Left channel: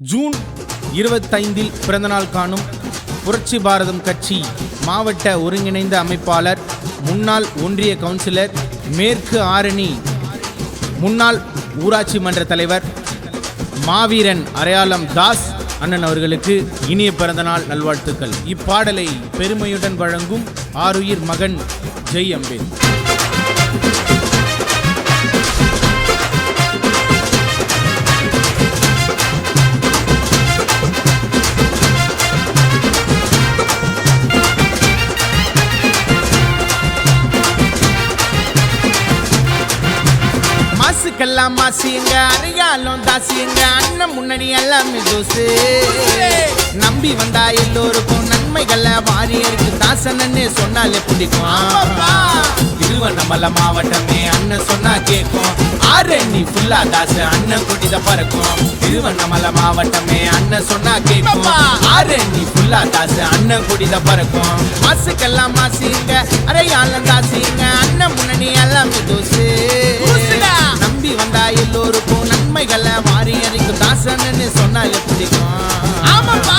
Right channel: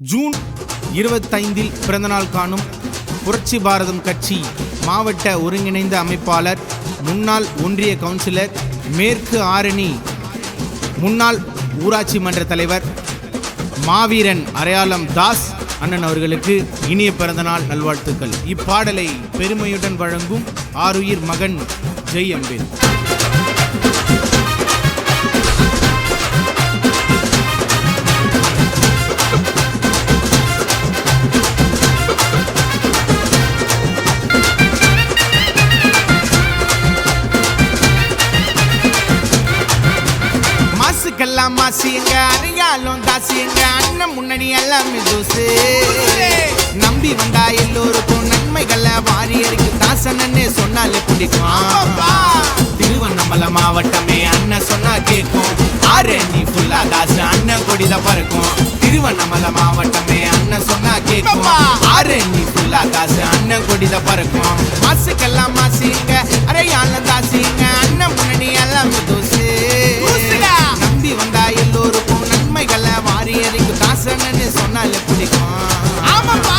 June 25 பிறந்தநாள் காணும் புரட்சி பாரதம் கட்சி மாவட்ட ஒருங்கிணைந்த அமைப்பாளர், முன்னாள் ஒன்றிய கவுன்சிலர், மேற்கு ஆரணி முன்னாள் ஊராட்சி மன்ற தலைவர் மாவீரன் அரையாளம் தாஸ் அண்ணன் அவர்களுக்கு இனிய பிறந்தநாள் நல்வாழ்த்துக்கள். இப்பாடலை பெருமையுடன் வழங்கும் ஆருயிர் மகன் ஜெய் அம்பேத். மாசுக்கெல்லாம் மாசியங்க, அரையாலும் தாசியங்க, அண்ணன் முன்னாடி எல்லாமே தோசு. நம்பி வந்தா எல்லோருக்கும் நன்மைகளை வாரியருக்கு தாசனன்னு சொன்னாலே பிடிக்கும். திருவண்ணாமலை மாவட்டமே அண்ணன் சொன்னா கேட்கும். ஆரணி ஃபுல்லா தாசு, அண்ணன் கொடித பறக்கும். திருவண்ணாமலை மாவட்டமே அண்ணன் சொன்னா கேட்கும். ஆரணி ஃபுல்லா தாசு, அண்ணன் கொடித பறக்கும். மாசுக்கெல்லாம் மாசியங்க, அரையாலும் தாசியங்க, அண்ணன் முன்னாடி எல்லாமே தோசு. நம்பி வந்தா எல்லோருக்கும் நன்மைகளை வாரியருக்கு தாசனன்னு சொன்னாலே பிடிக்கும். ஆமாப்பா.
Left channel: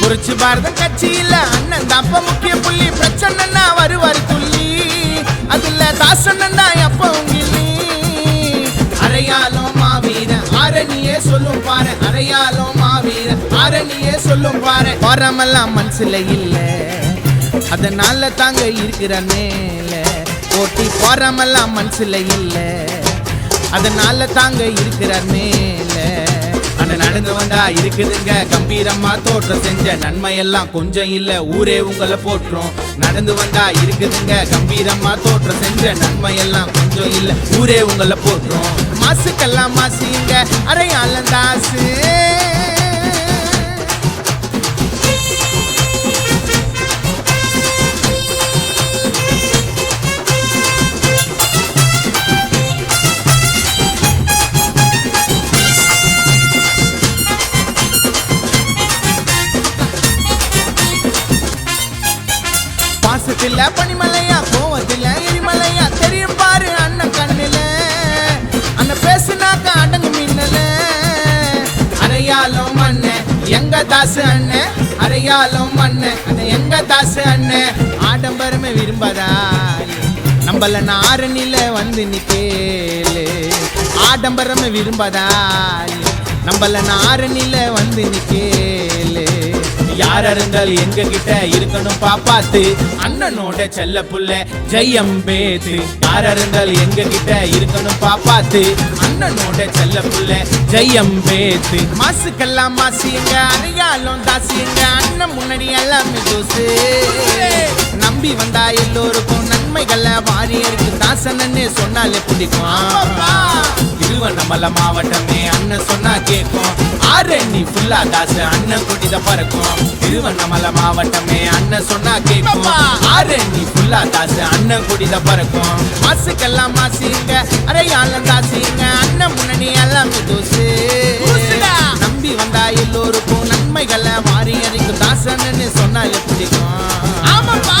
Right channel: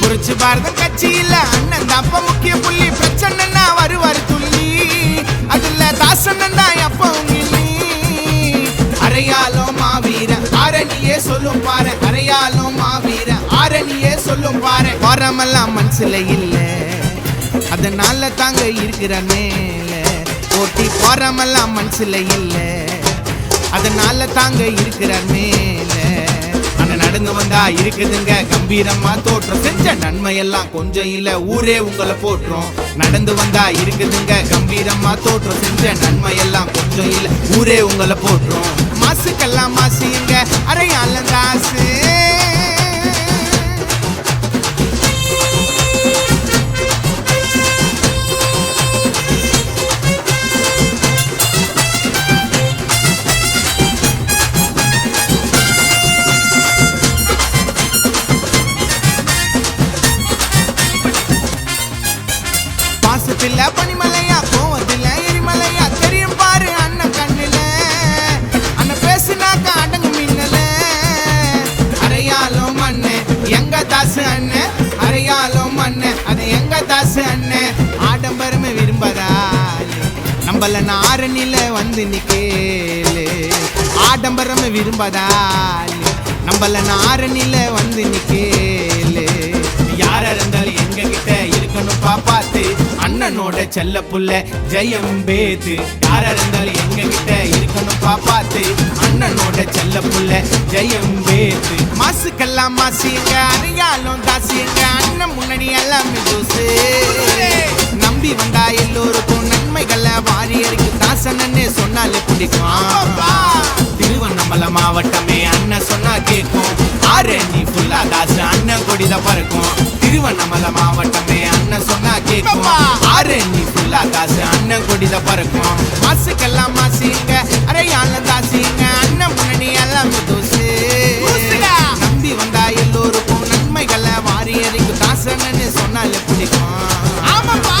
புரட்சி பாரதம் கட்சியில அண்ணன் தாப்ப முக்கிய புள்ளி. பிரச்சனைன்னா வருவாரு துள்ளி, அதுல தாசண்ணன் தான் எப்ப உங்கில்லி. அரையாலும் மாவீர ஆரணியே சொல்லும் பாரு, அரையாலும் மாவீர ஆரணியே சொல்லும் பாரு. போராமெல்லாம் மனசுல இல்ல, அதனால தாங்க இருக்கிற மேல போட்டி. போராமெல்லாம் மனசுல இல்ல, அதனால தாங்க இருக்கிறார் மேல. அண்ணன் நடந்து வந்தா இருக்குதுங்க கம்பீரமா தோற்றம். செஞ்ச நன்மையெல்லாம் கொஞ்சம் இல்ல, ஊரே உங்களை போற்றும். நடந்து வந்தா இருக்குதுங்க கம்பீரமா தோற்றம். செஞ்ச நன்மையெல்லாம் கொஞ்சம் இல்ல, ஊரே உங்களை போற்றும். மாசுக்கெல்லாம் மாசியுங்க, அரையாளம் தாசு. பாசத்தில பனிமலையா, கோவத்தில எரிமலையா, தெரியும் பாரு அண்ணன் கண்ணுல. அண்ணன் பேசுனாக்க அடங்கு மின்னல. அரையாலும் அண்ணன் எங்க தாசு அண்ணன், அரையாலும் அண்ணன் அதை எங்க தாசு அண்ணன். ஆடம்பரமே விரும்பதாலே நம்மள ஆரணில வந்து நிக்கேலு. ஆடம்பரமே விரும்பதாலே நம்மள ஆரணில வந்து நிக்கேலு. யாரா இருந்தாலும் எங்க கிட்ட இருக்கணும் பாப்பாத்து, அண்ணனோட செல்ல புள்ள ஜெய் அம்பேத். யாரா இருந்தாலும் எங்க கிட்ட இருக்கணும் பாப்பாத்து, அண்ணனோட செல்ல புள்ள ஜெய் அம்பேத். மாசுக்கெல்லாம் மாசியங்க, அரையாலும் தாசியங்க, அண்ணன் முன்னாடி எல்லாமே தோசு. நம்பி வந்தா எல்லோருக்கும் நன்மைகளை வாரியருக்கு தாசனன்னு சொன்னாலே பிடிக்கும். திருவண்ணாமலை மாவட்டமே அண்ணன் சொன்னா கேட்கும். ஆரணி ஃபுல்லா தாசு, அண்ணன் கொடித பறக்கும். திருவண்ணாமலை மாவட்டமே அண்ணன் சொன்னா கேட்கும். ஆரணி ஃபுல்லா தாசு, அண்ணன் கொடித பறக்கும். மாசுக்கெல்லாம் மாசியுங்க, அரையாளம் தாசியுங்க, அண்ணன் முன்னாடி எல்லாமே தோசு. நம்பி வந்தா எல்லோருக்கும் நன்மைகளை வாரியருக்கு தாசனன்னு சொன்னாலே பிடிக்கும். ஆமாப்பா.